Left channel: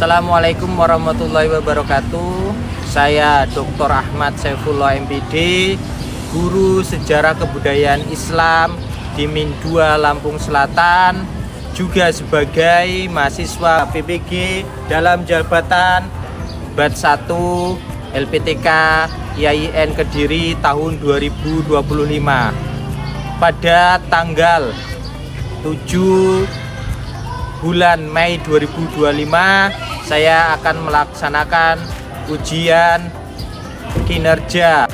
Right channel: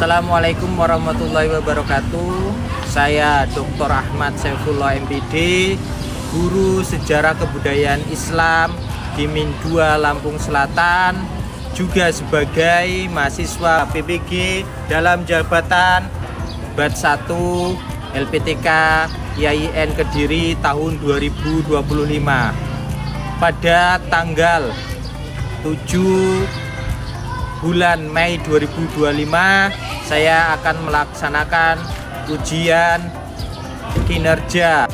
Assalamualaikum warahmatullahi wabarakatuh. Saya Dr. Ahmad Saifullah MPD, Guru Sejarah Kebudayaan Islam di Min 2 Lampung Selatan, juga sebagai mahasiswa PPG dalam jabatan Bat 1 LPTK IAIN Kediri tahun 2025. Pada tanggal 7 bulan Mei 2025 saya akan melaksanakan ujian kinerja.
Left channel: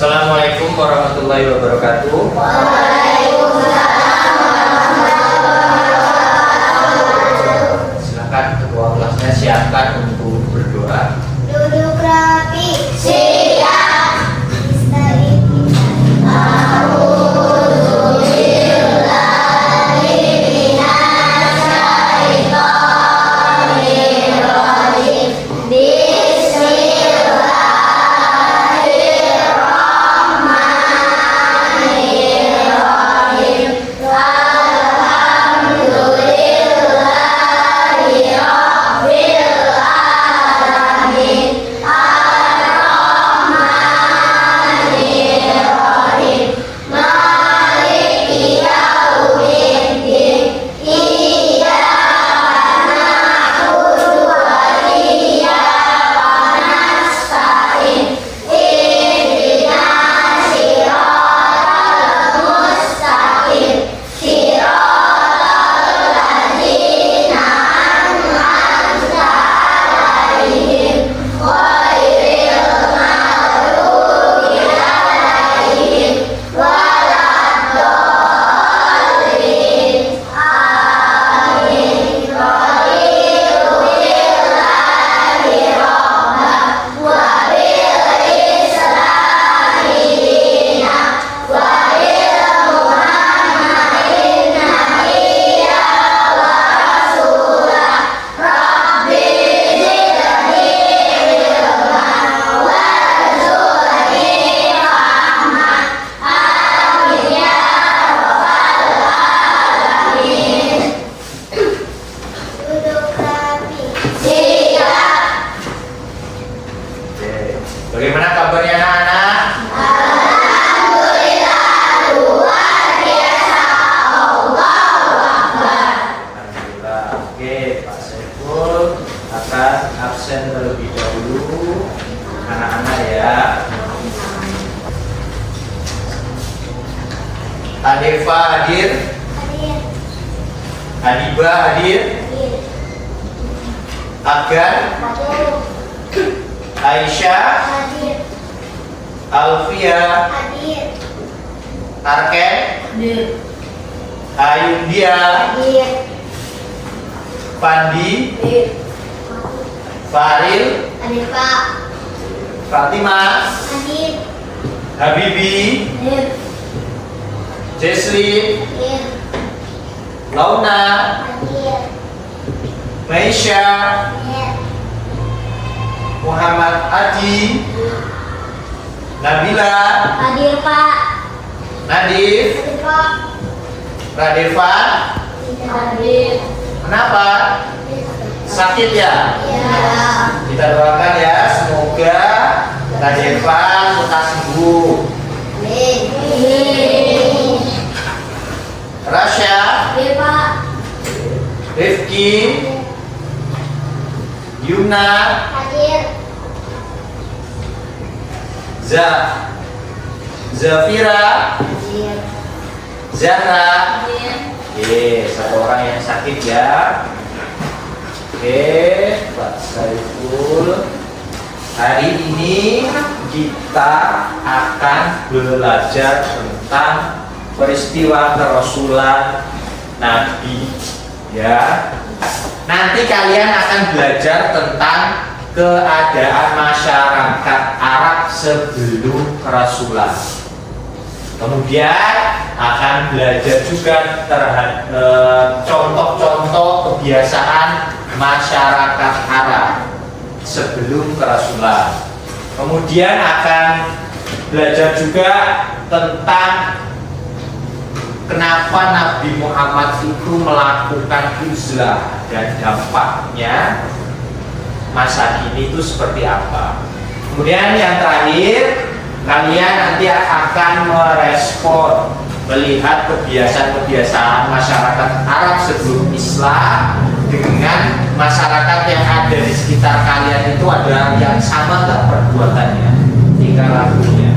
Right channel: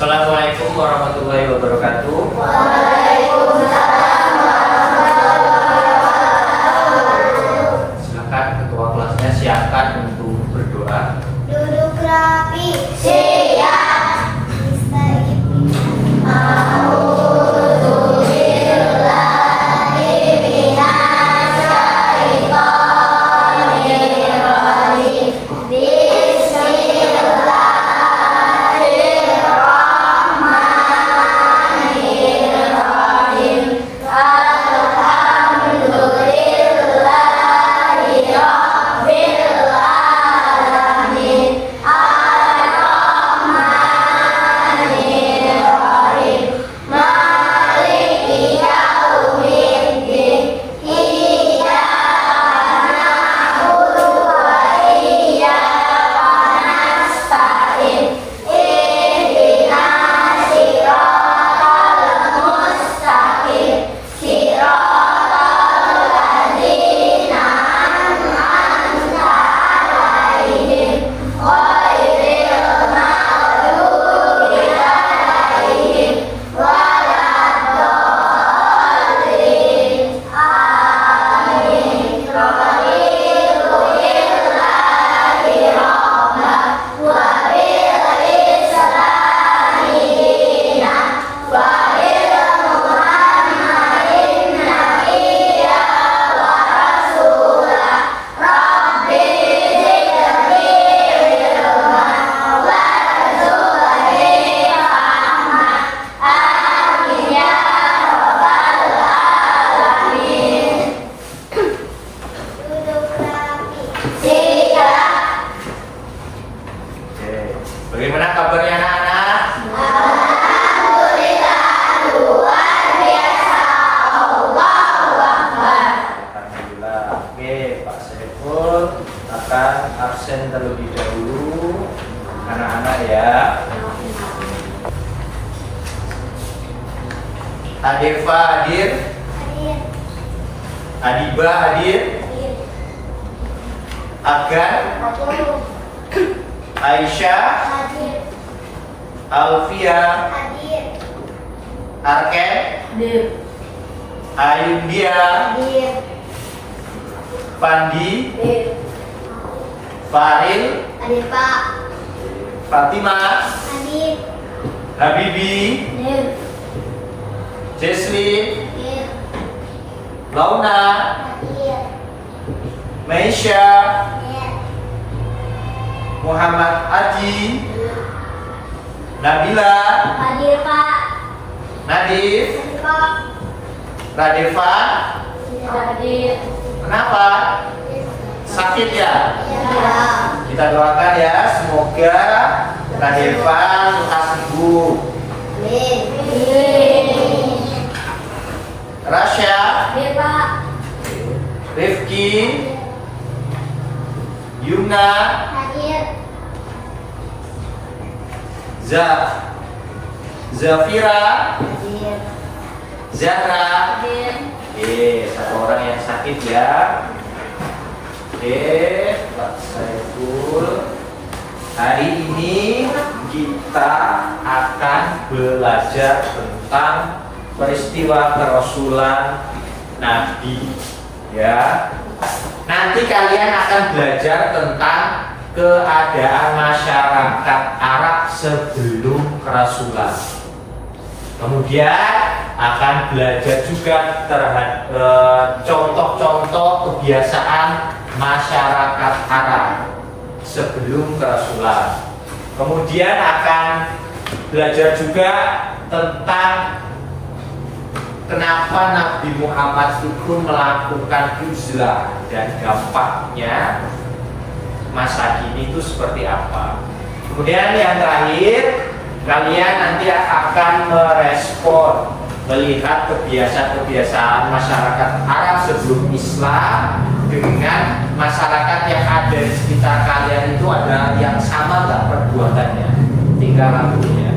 Assalamualaikum warahmatullahi wabarakatuh. Waalaikumsalam warahmatullahi wabarakatuh. Silakan ketua kelasnya siapkan untuk berdoa. Duduk rapi. Siap. absen terlebih dahulu anak-anak ya. Adeva hadir, Hadir. Adiba hadir, Hadir. Agan, Hadir. Aisyah, Hadir. Alfia, Hadir. Arken, Hadir. Ayundia, Hadir. Pandi, Hadir. Faril, Hadir, Pak. Fatimah, Hadir. Habibi, Hadir. Jesslyn, Hadir. Launa, Hadir. Meisha, Hadir. Muhammad Adi, Nabila, Hadir, Pak. Nadif, Hadir, Pak. Radevan. Hadir. Kenapa? Sakit ya? Ya. Kita doakan ya, semoga Radevan lekas sembuh. Amin. Rasya, Hadir, Pak. Rifki, Yuna, Hadir. Zafira, Hadir. Zahra. Hadir. Oke, satu orang yang sakit ya. Oke, Pak Saiful. Hari ini kita akan belajar tentang peristiwa kerasulan Nabi. Ya, nanti kalian akan belajar tentang keadaan masyarakat Arab sebelum kerasulan. Kemudian akan belajar juga terhadap contoh-contoh kebiasaan masyarakat Arab sebelum kerasulan. Kemudian akan belajar juga tentang kenapa Nabi Muhammad itu melakukan uzlah dan dampaknya masa kini itu seperti apa. Kemudian yang terakhir, kalian nanti akan merespon melihat kebiasaan-kebiasaan masyarakat Arab sebelum Islam dengan masyarakat yang ada di sekitar kalian itu ada yang sama nggak perbuatannya, tingkah lakunya.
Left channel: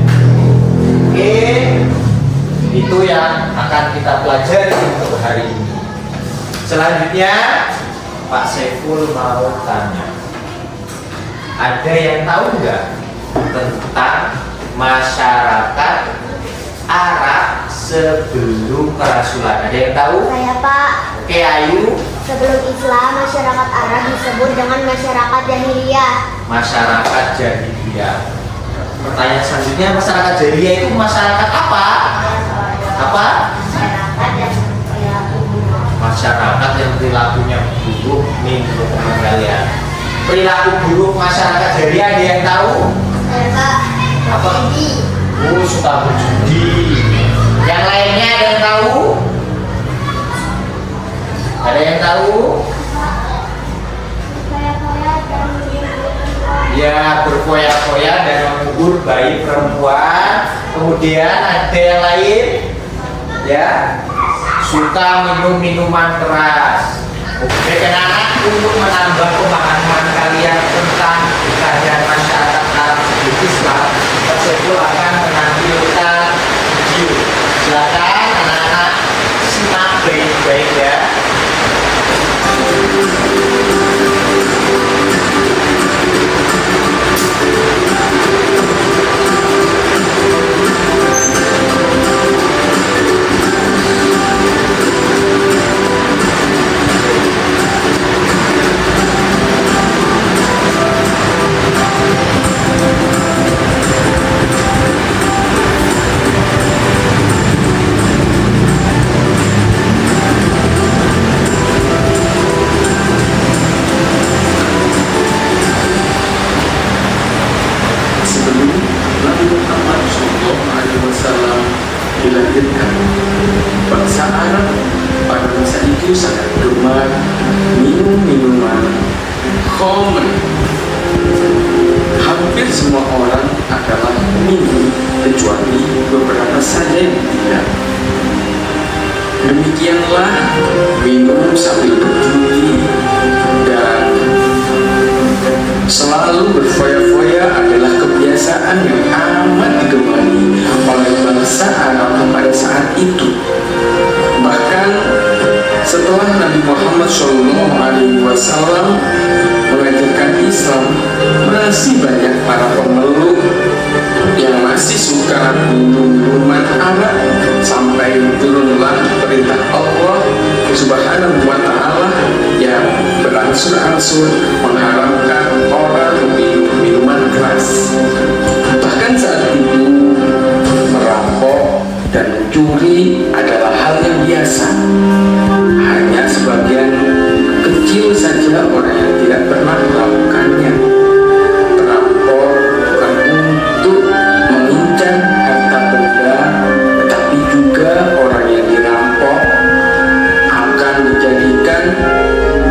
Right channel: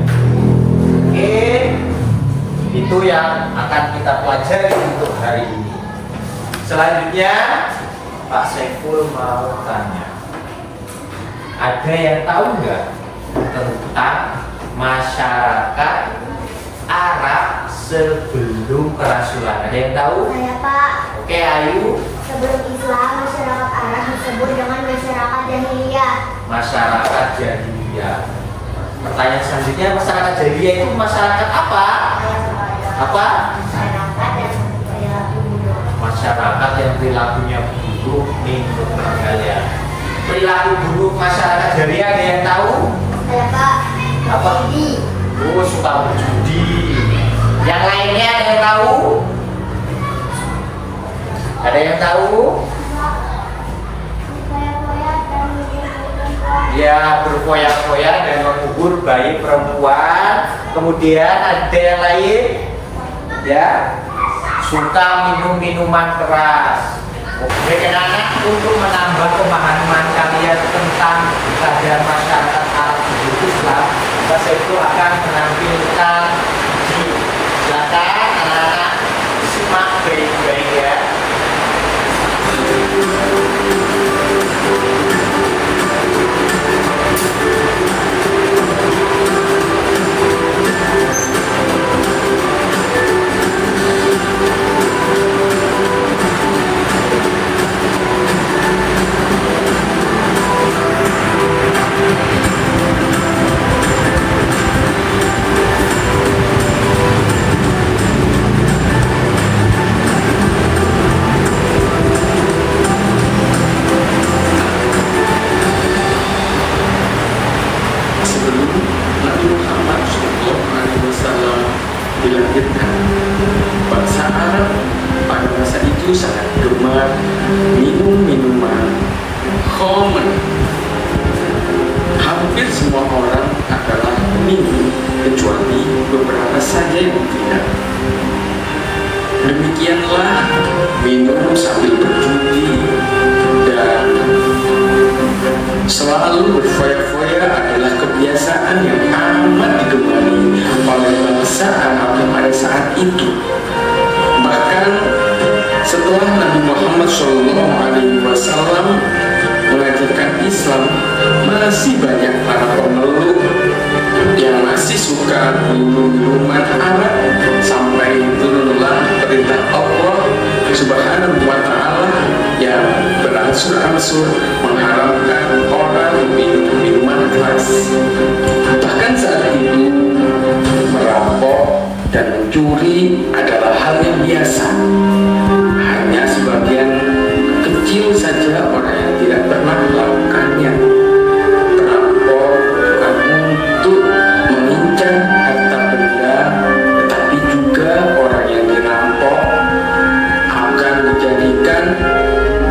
Oke, itu yang akan kita pelajari untuk hari ini. Selanjutnya Pak Saiful mau tanya, ada yang tahu nggak tentang masyarakat Arab sebelum kerasulan? Ada yang tahu? Saya, Pak. Oke, Ayu. Sebelum Islam, masyarakat Arab disebut dengan masyarakat jahiliyah. Masyarakat jahiliyah. Pertanyaan selanjutnya, masyarakat jahiliyah itu masyarakat apa? Apa? Masyarakat yang perilaku buruk. Masyarakat yang perilakunya buruk nih teman kalian. Perilaku buruk masyarakat jahiliyah ada yang tahu? Saya, Pak. Apa? Jadi, Oh, suka berjudi. Yang lainnya ada yang tahu? Ada yang tahu? Ya, berfoya-foya dan mengubur bayi perempuan. Kemudian ada yang lain, ya, suka minum minuman keras. Oke, anak untuk menambah pemahaman kalian tentang keadaan masyarakat Arab sebelum Islam, Pak Saiful akan menampilkan video. Silakan anak-anak simak baik-baik ya. Sebelum Nabi Muhammad SAW dilahirkan, bangsa Arab pada masa itu sangat gemar minum minuman khamr. Hampir semua orang adalah minum, kecuali beberapa saja yang tidak. Demikianlah minum sambil berjudi dan Selalu berfoya-foya adalah kebiasaan yang amat digemari oleh bangsa Arab pada saat itu. Bahkan setelah Nabi Muhammad SAW mengajarkan Islam, masih banyak para pemeluk yang masih suka minuman arak, sampai turunlah perintah Allah Subhanahu wa Ta'ala yang berangsur-angsur mengharamkan orang meminum minuman keras. Bahkan saat itu merampok dan mencuri adalah hal yang biasa. Hanya sebagian kecil saja orang yang tidak pernah melakukannya. Perampok bukan untuk mengincar harta benda, tetapi juga orang yang dirampok akan dijadikan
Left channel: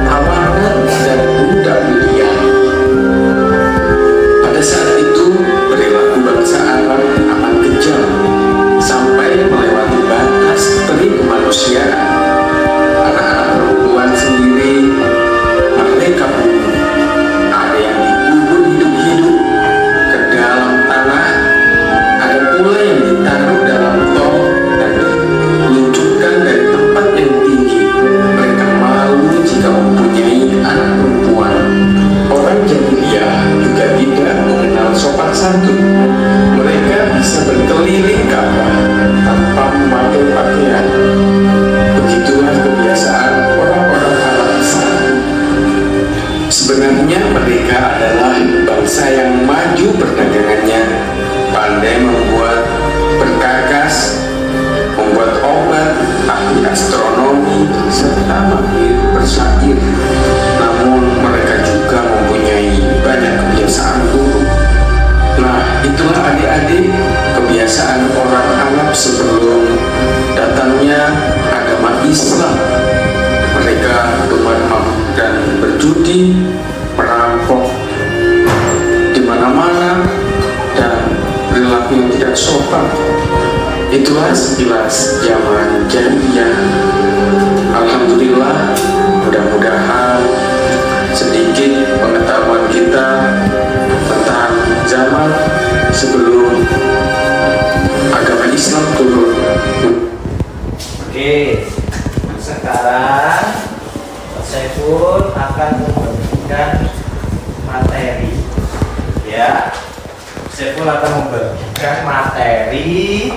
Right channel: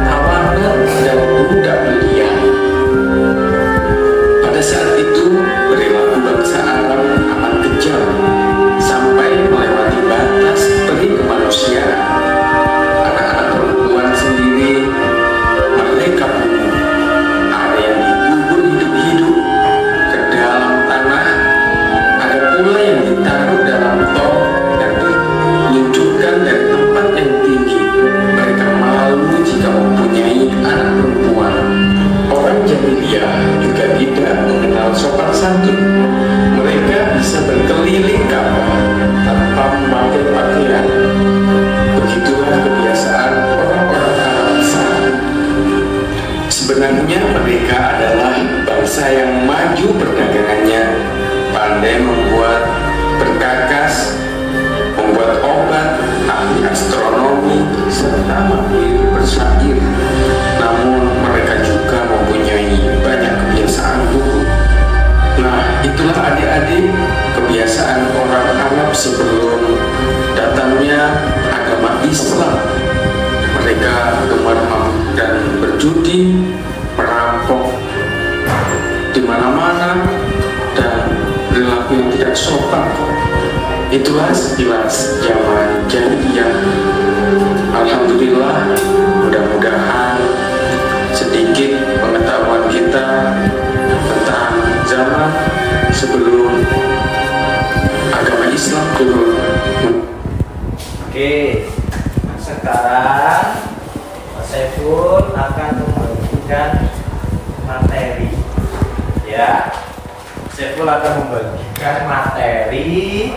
tawanan dan budak pilihan. Pada saat itu perilaku bangsa Arab amat kejam sampai melewati batas peri kemanusiaan. Anak-anak perempuan sendiri mereka bunuh. Ada yang dikubur hidup-hidup ke dalam tanah, ada pula yang ditaruh dalam tong dan diluncurkan dari tempat yang tinggi. Mereka malu jika mempunyai anak perempuan. Orang jahiliyah juga tidak mengenal sopan santun. Mereka bisa berkeliling Ka'bah tanpa memakai pakaian. Begitulah kebiasaan orang-orang Arab saat itu. Sebenarnya mereka adalah bangsa yang maju perdagangannya, pandai membuat perkakas, membuat obat, ahli astronomi, serta mahir bersyair. Namun mereka juga mempunyai banyak kebiasaan buruk. Nah, itulah adik-adik kebiasaan orang Arab sebelum datangnya agama Islam. Mereka gemar mabuk dan berjudi, merampok di mana-mana, dan perilaku yang tidak sopan. Itulah sekilas zaman jahiliyah. Alhamdulillah, mudah-mudahan sedikit pengetahuan kita tentang zaman sebelum agama Islam turun. Oke, sekarang Pak Saiful akan membagikan materi. Ya, Saiful akan membagikan materi.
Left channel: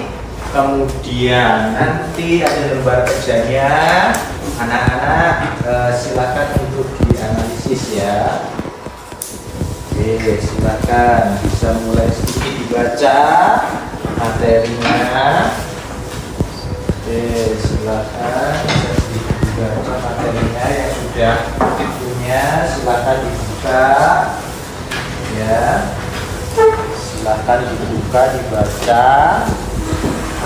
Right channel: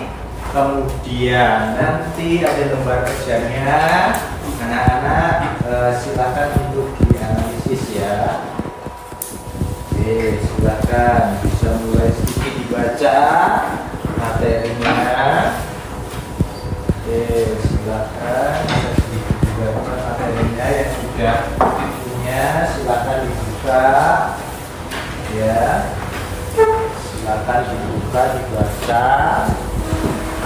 Kemudian nanti ada lembar kerjanya. Anak-anak silakan untuk dianalisis ya. Oke, silakan bisa mulai sedikit dibaca materinya. Oke, silakan sedikit dibaca materinya yang sudah punya. Silakan dibuka, ya. Silakan dibuka, dibaca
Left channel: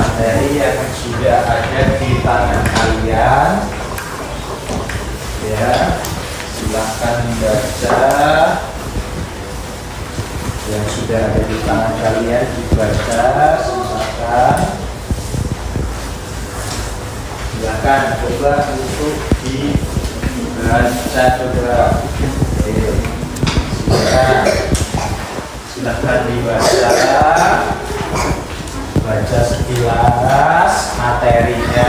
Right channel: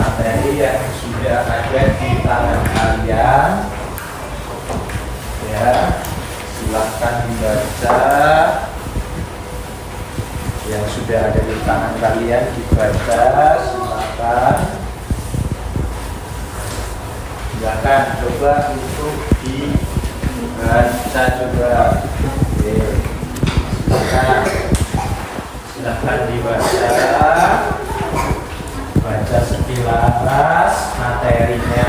materi yang sudah ada di tangan kalian. Ya, silakan dibaca. Yang sudah ada di tangan kalian dibaca, silakan coba untuk dibaca coba. Silakan dibaca, baca sekilas materinya.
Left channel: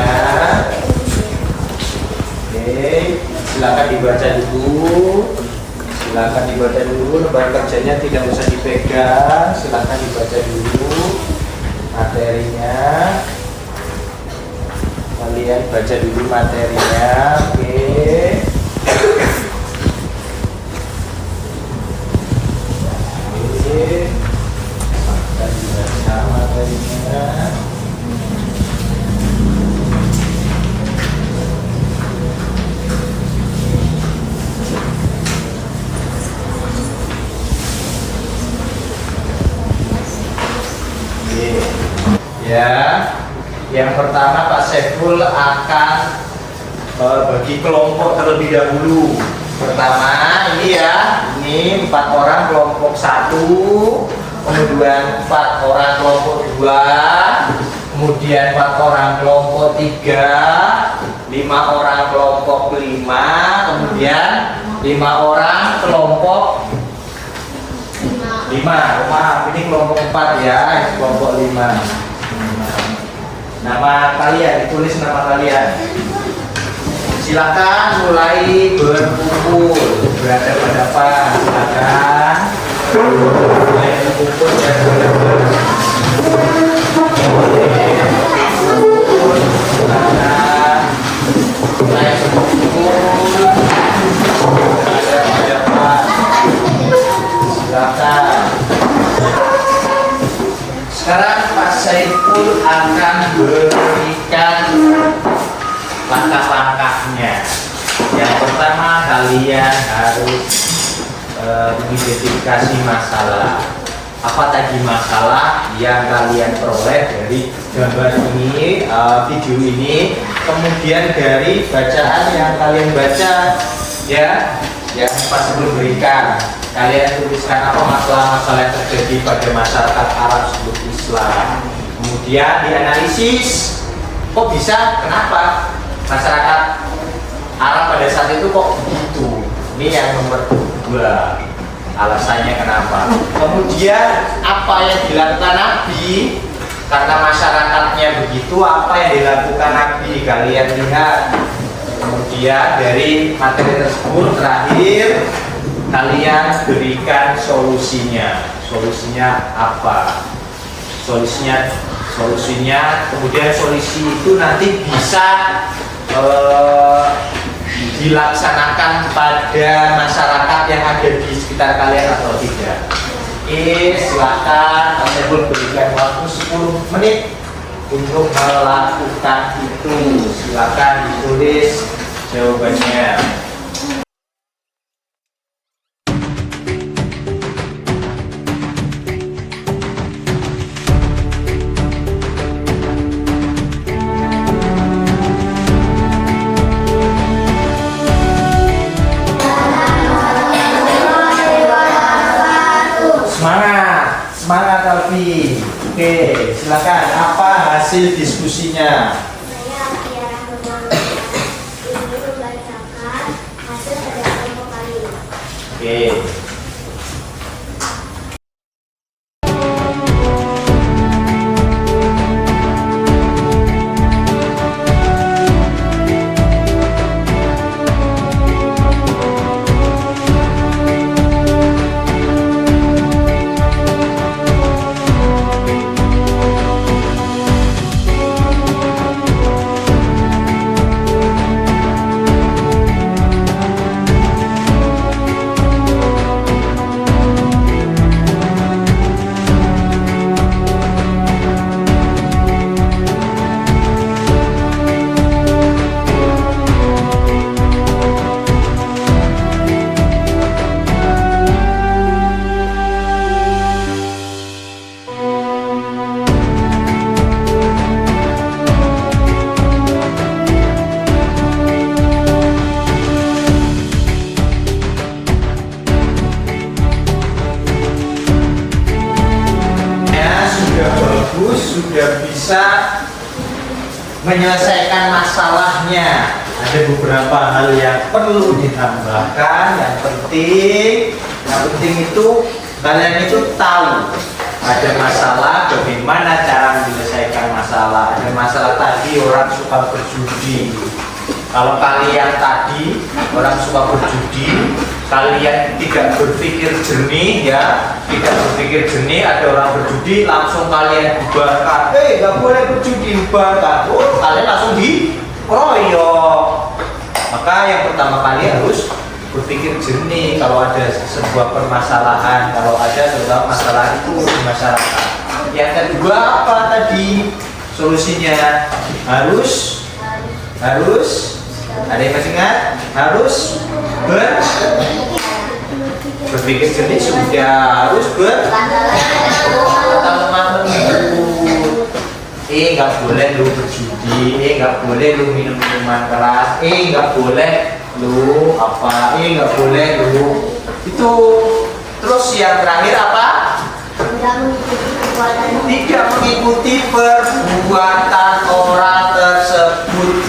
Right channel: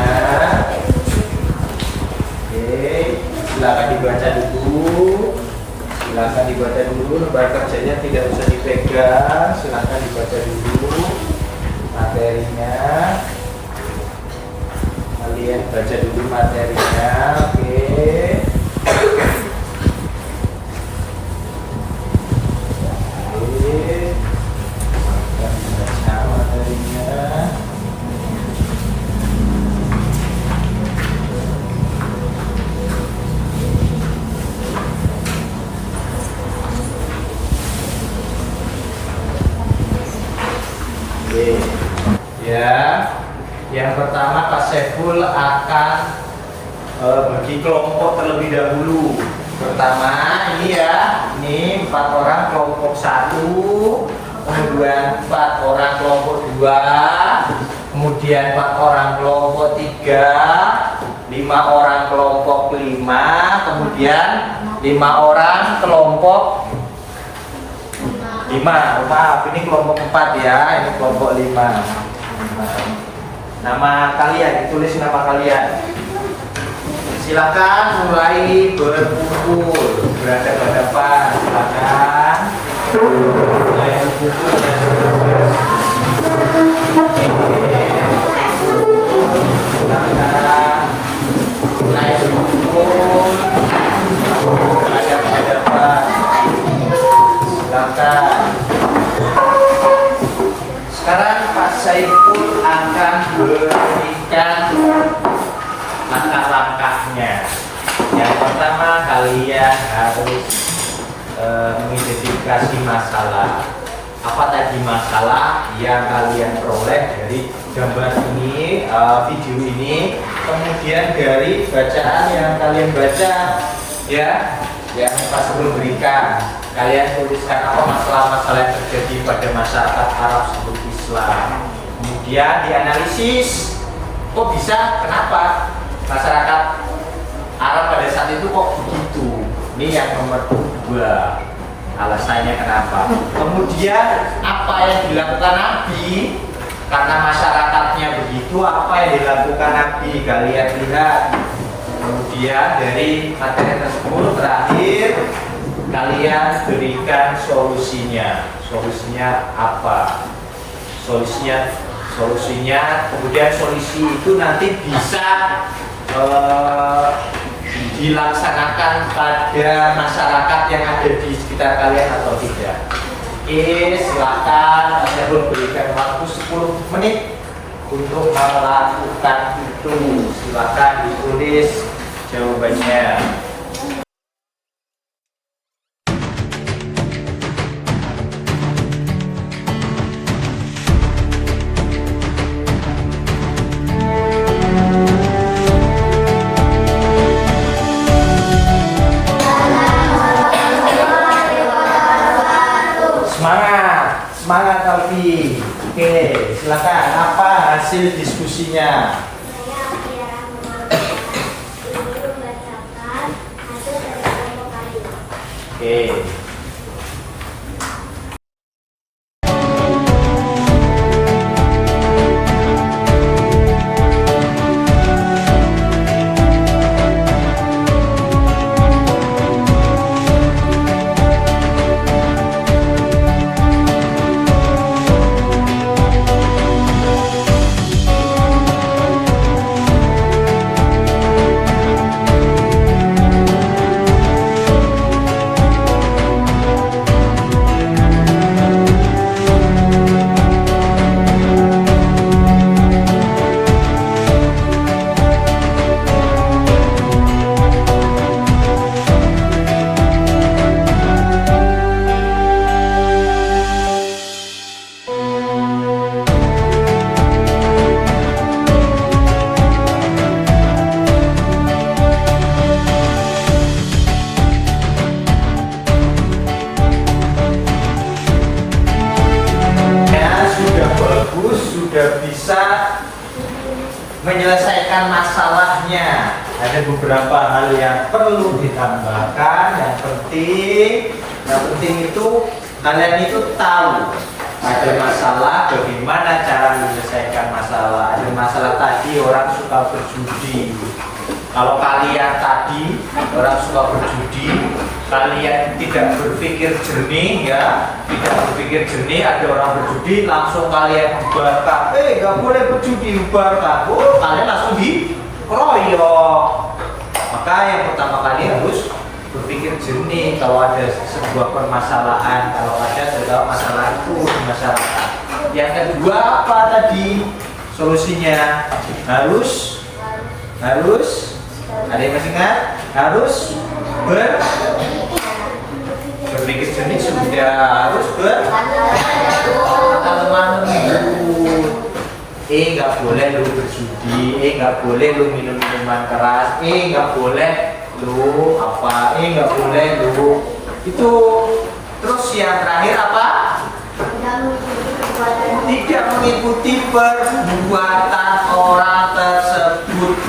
Silakan dibaca dulu. Silakan dibaca dulu, lembar kerjanya tidak usah dipegang. Silakan dibaca dulu materinya. Kalian baca dulu materinya, oke. Silakan dibaca materinya. Ya, yang pertama Pak Saiful akan bagi kelompok terlebih dahulu. Pertama ini ya, ini 4 orang kelompok 1, kemudian 4 orang kelompok 2, kemudian 4 orang kelompok 3, 5 orang kelompok 5, kemudian 5 orang kelompok 5. Maaf, ini kelompok 4 ya, ini kelompok 5. Nama kalian, ditulis nama kalian. Silakan mulai berkumpul, berhadapan-hadapan. Silakan mulai berkumpul dan berhadapan. Mulai berkumpul, berhadapan. Silakan. Sekarang Pak Saiful akan berikan langkah-langkahnya. Yang pertama kalian harus mengidentifikasi masalah. Apa tadi masalah yang kalian peroleh dari gambar ini, video ini, kemudian dari bacaan yang kalian baca, ya, yang Pak Saiful berikan. Kalian tuliskan apa masalah-masalah yang terjadi pada masyarakat Arab sebelum Islam. Kemudian dianalisis, kok bisa, kenapa masyarakat Arab pada saat itu kok begitu. Ini yang nomor 2, alasannya kenapa. Kemudian apa yang dilakukan Nabi karena masyarakatnya begitu, apa yang dilakukan Nabi, kalian lihat. Kemudian dari materi tersebut terakhir kalian berikan solusinya. Solusinya apa? Solusinya kemudian solusi itu nanti bisa dilaksanakan pada masyarakat yang ada di sekitar kalian atau tidak. Silakan Pak Saiful berikan waktu 10 menit untuk melakukan itu. Silakan ditulis jawabannya. Semangat Alfi. Oke, silakan. Apa hasil diskusinya? Saya Tiara Nurul ini membacakan hasil pada kelompok kali. Oke. Menyelesaikan masalahnya. Ada beberapa hal yang perlu ditambahkan. Yang penting itu kalian itu tahu ada masalah, bagaimana cara menyelesaikan masalah. Ada masalah tadi orang suka berjudi. Kalau kalian tadi orang suka berjudi, kalian tidak berpikir jernih, ya, tidak berpikir jernih, ada orang berjudi, langsung kalian bubarkan. Nggak boleh berjudi, bubarkan. Kalian langsung dikeroyok. Maka yang pertama kali harus berpikir jernih kalau ada sebuah permasalahan, kalau ada sebuah masalah itu di masyarakat. Yang kedua apa tadi solusinya? Harus ada yang masih ingat? Harus berpikir jernih, sudah harus kata lemah lembut. Nggak boleh lu berjudi, nggak boleh lu minum minuman keras, nggak boleh lu apa, nggak boleh lu itu. Terus yang terakhir apa? Tidak mengikuti perbuatan orang tersebut.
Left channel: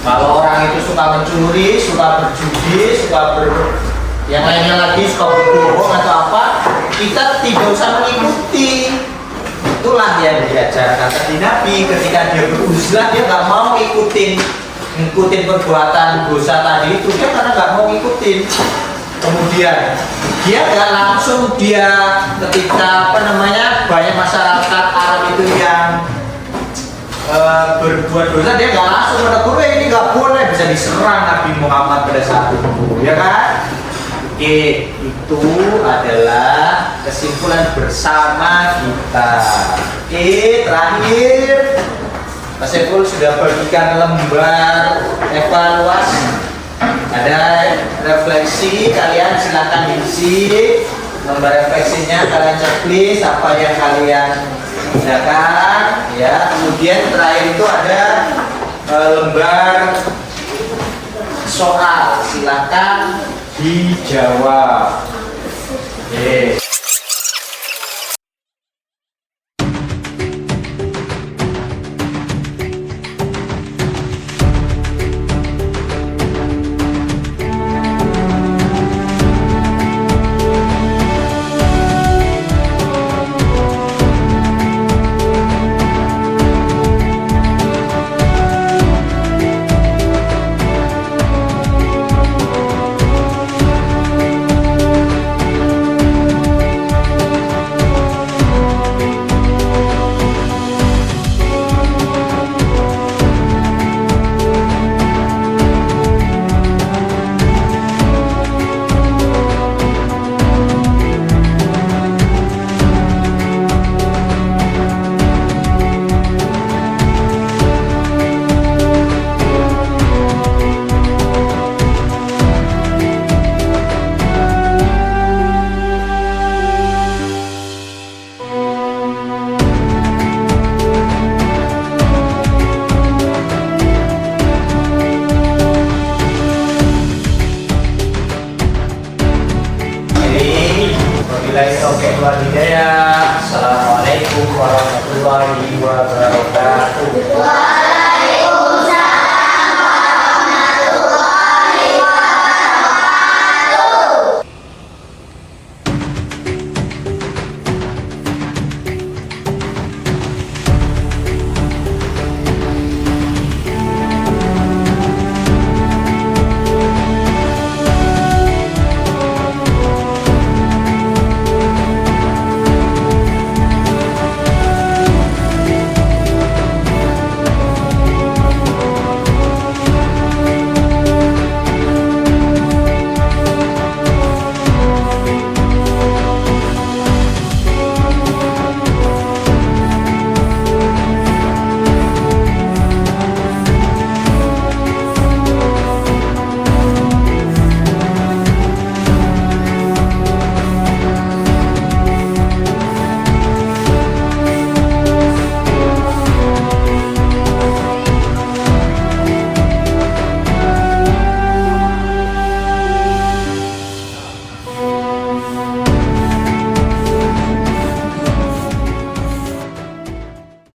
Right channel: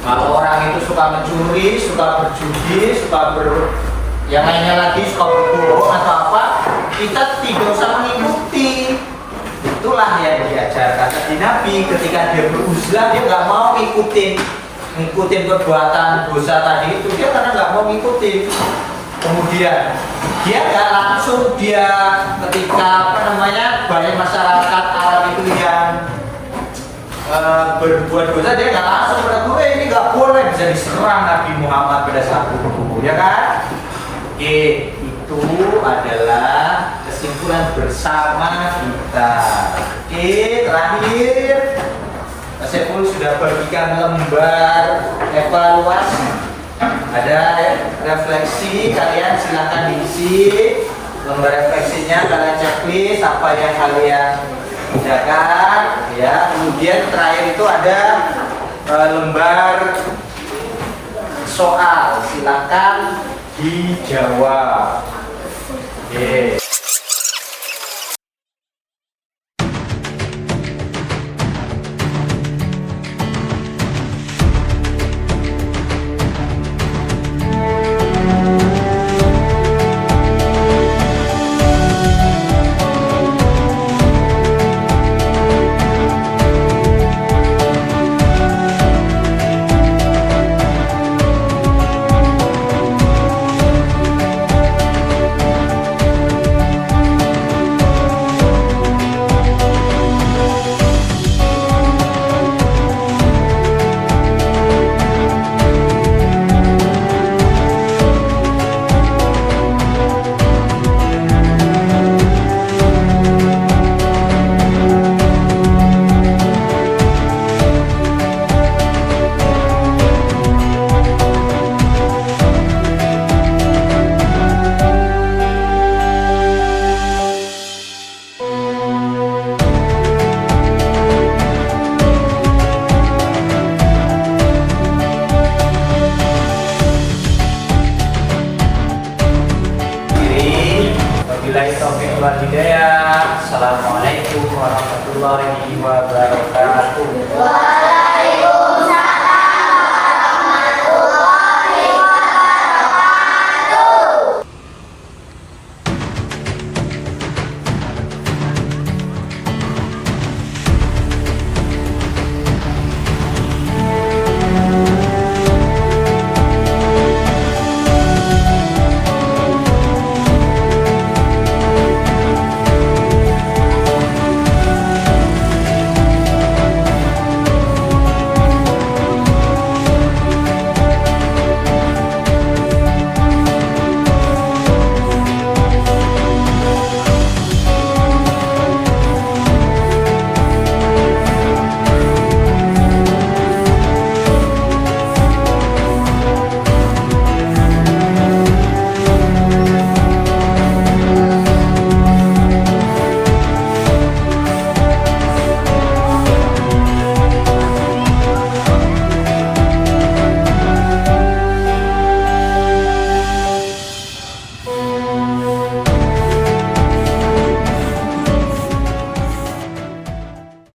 Kalau orang itu suka mencuri, suka berjudi, yang lainnya lagi suka berbohong atau apa, kita Nabi ketika dia beruzlah, dia nggak mau ngikutin perbuatan dosa tadi itu, dia karena nggak mau ngikutin. Kemudian dia nggak langsung ketika banyak masyarakat Arab itu yang berbuat dosa, dia nggak langsung menegur, ini nggak boleh, bisa diserang Nabi Muhammad pada saat itu, ya kan? Oke, itu adalah kesimpulan bersama kita. Oke, terakhir Mas Saiful sudah bagikan lembar evaluasi. Ada refleksi, kalian silakan diisi lembar refleksinya, kalian checklist apa yang kalian kerjakan, ya. Kemudian terakhir itu ada lembar soal, silakan dijawab. Oke. Assalamualaikum warahmatullahi wabarakatuh.